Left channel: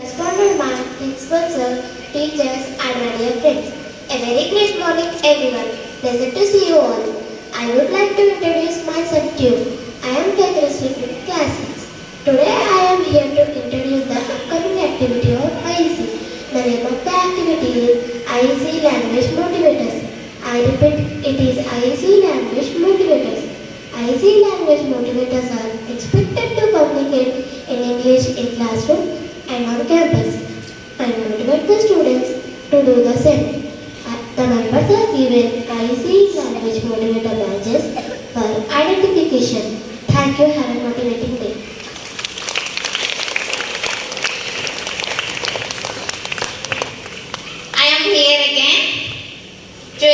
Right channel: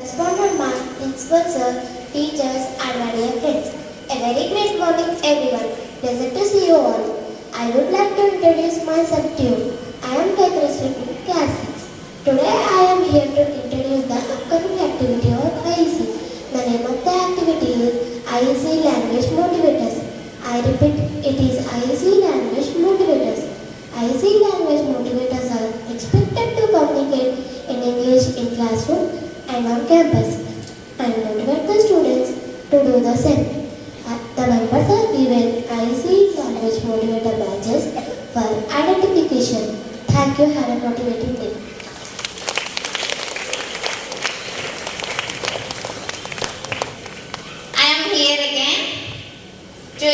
Correspondent ma'am, principal sir, teachers and my dear friends. A very great morning everyone. Pleasant to see you all. I would like to introduce myself to you. I am Kathleen Sleeping Class 6. Today I am here to introduce the upcoming activity of IEC. The name of the activity is IEC Language Motivators. I repeat, it is IEC Language Motivators. IEC Language Motivators are expected to communicate in English in classroom and on campus and motivate the students to do the same. The members are given IEC Language Motivator badges for identification. Thank you. Have a motivating day. I am here again to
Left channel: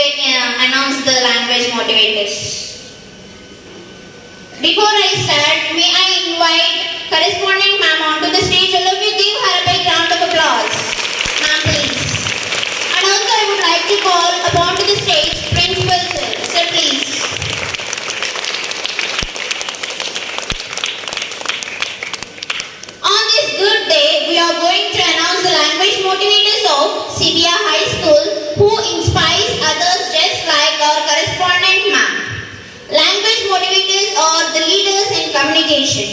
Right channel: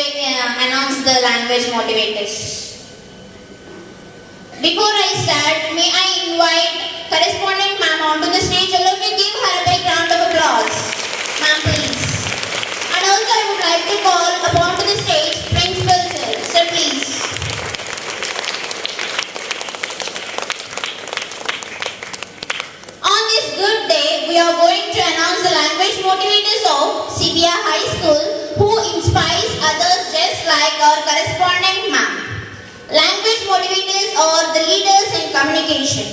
announce the language motivators. Before I start, may I invite correspondent ma'am onto the stage. All of you give her a big round of applause. Ma'am, please. And also I would like to call upon to the stage Principal Sir. Sir, please. On this good day, we are going to announce the language motivators of CBR High School who inspires others just like our correspondent ma'am. Language motivators are the leaders in communication.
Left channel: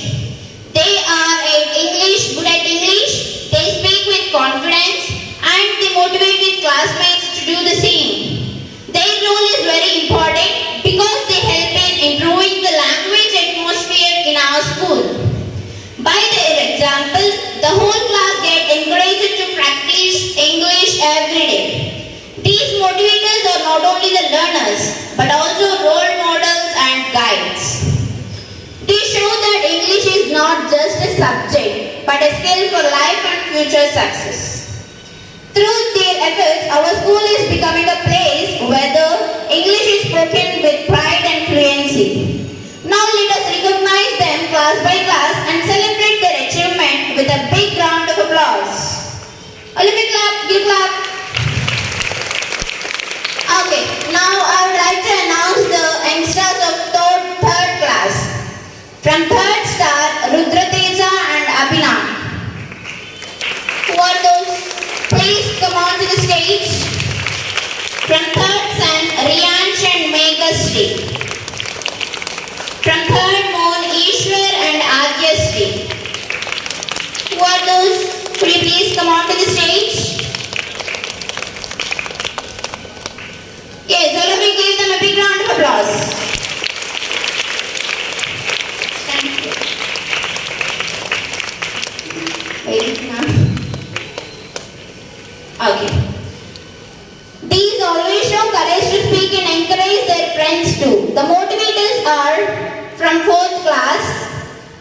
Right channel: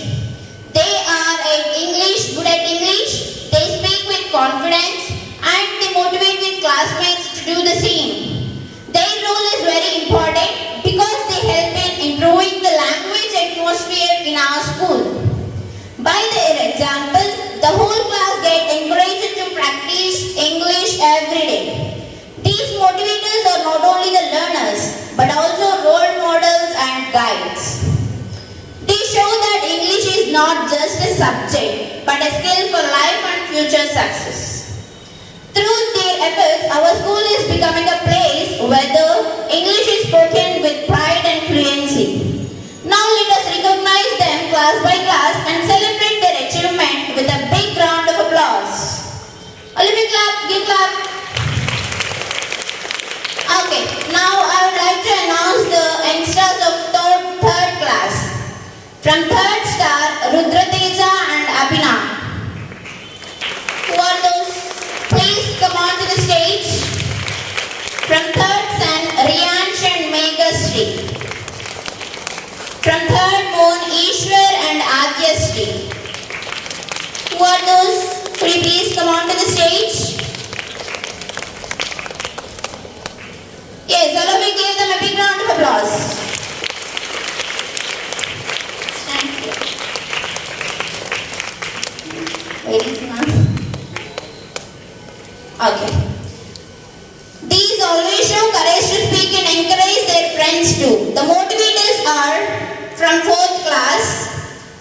They are good at English, they speak with confidence and they motivate with classmates to do the same. Their role is very important because they help in improving the language atmosphere in our school. By their example, the whole class get encouraged to practice English every day. These motivators are not only the learners but also role models and guides. They show that English is not just a subject but a skill for life and future success. Through their efforts, our school is becoming a place where the English is spoken with pride and fluency. Now let us recognize them class by class and celebrate their achievement with a big round of applause. All of you clap, give clap. Okay, now I would like to announce the youngsters of third class. From third star, Rudrateja and Abhinav. Who are those? Please come on to the stage. From third son, Riyansh and Meghasri. From third moon, Ishwar and Adyasri. Who are those? Could you please come on to the stage? Yes, all of you give them a big round of applause. Okay. These always show courage to speak and encourage their friends too. The motivators are from 4th class,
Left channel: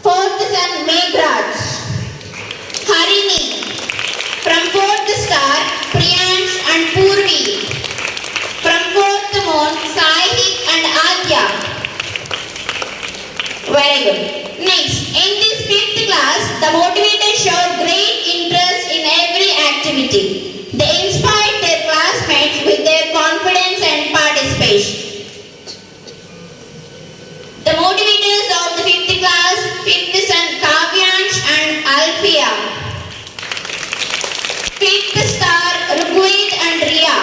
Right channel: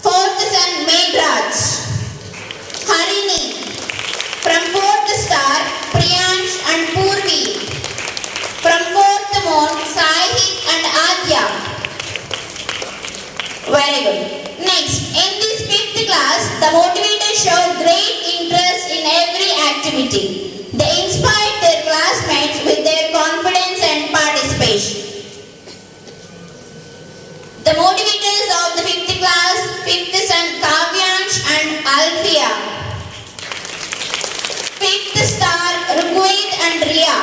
4th son Meghraj, Harini, from 4th star Priyansh and Purvi, from 4th moon Sahik and Adya. Very good. Next, in this 5th class, the motivators show great interest in every activity. They inspire their classmates with their confidence and participation. The motivators of the 5th class, 5th son Kavyansh and Alfia. 5th star Rugved and Riya.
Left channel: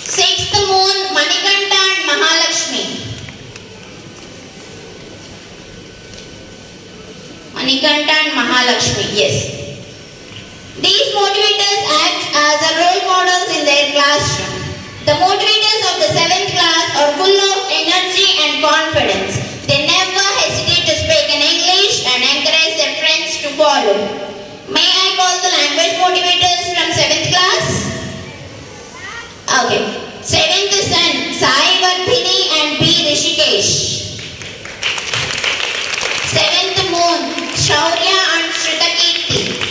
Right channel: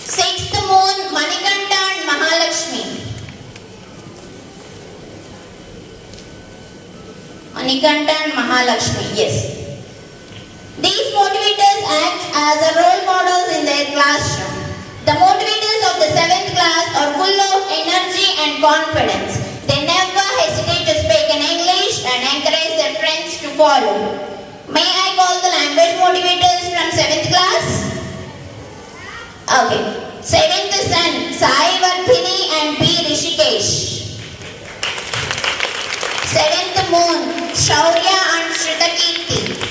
6th moon Manikanta and Mahalakshmi. Manikanta and Mahalakshmi, yes. These motivators act as a role models in their classroom. The motivators of the 7th class are full of energy and confidence. They never hesitate to speak in English and encourage their friends to follow. May I call the language motivators from 7th class? Okay. 7th son Sai Vardhini and B. Rishikesh. 7th moon Shaurya and Shritakirti.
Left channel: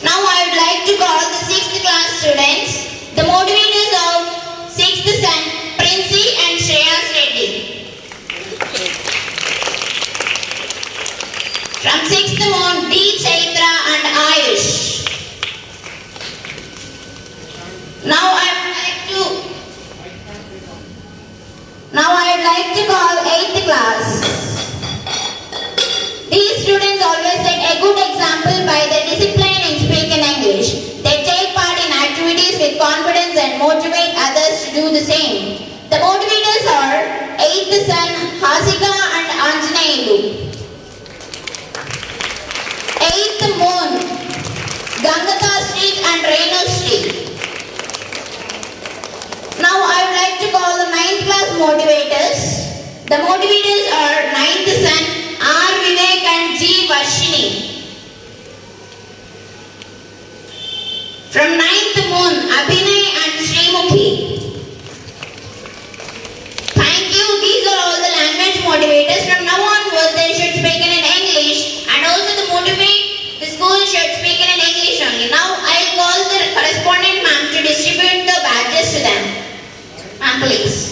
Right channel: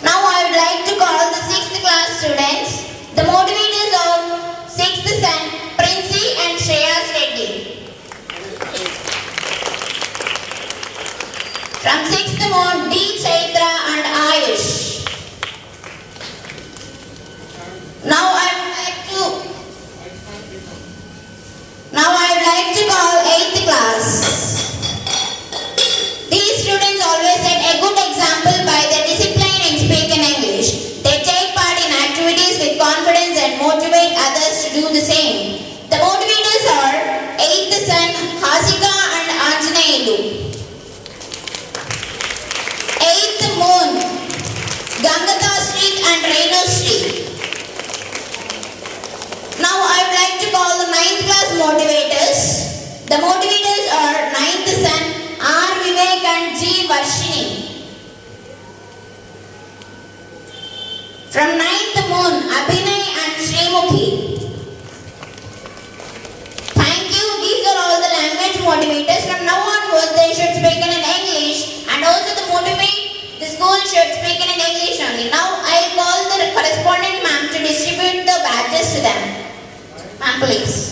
Now I would like to call the 6th class students, the motivators of 6th son Princey and Shreyas Reddy. From 6th moon D. Chaitra and Ayush. Now I would like to call 8th class. These students always set a good example by their discipline in speaking English. They take part in activities with confidence and motivate others to do the same. The motivators are 8th son Hasika and Anjaneyulu. 8th Moon, Gangata Street and Reno Street. Now I would like to call the 9th class motivators. The motivators are 9th son R. Vivek and G. Varshini. From 9th Moon, Abhinay and Srimukhi. Thank you. These are all the language motivators. From now onwards, they should speak in English, and also the motivate, the school should speak in English only. Now I'll call the correspondent ma'am to distribute the badges to them. Ma'am, please.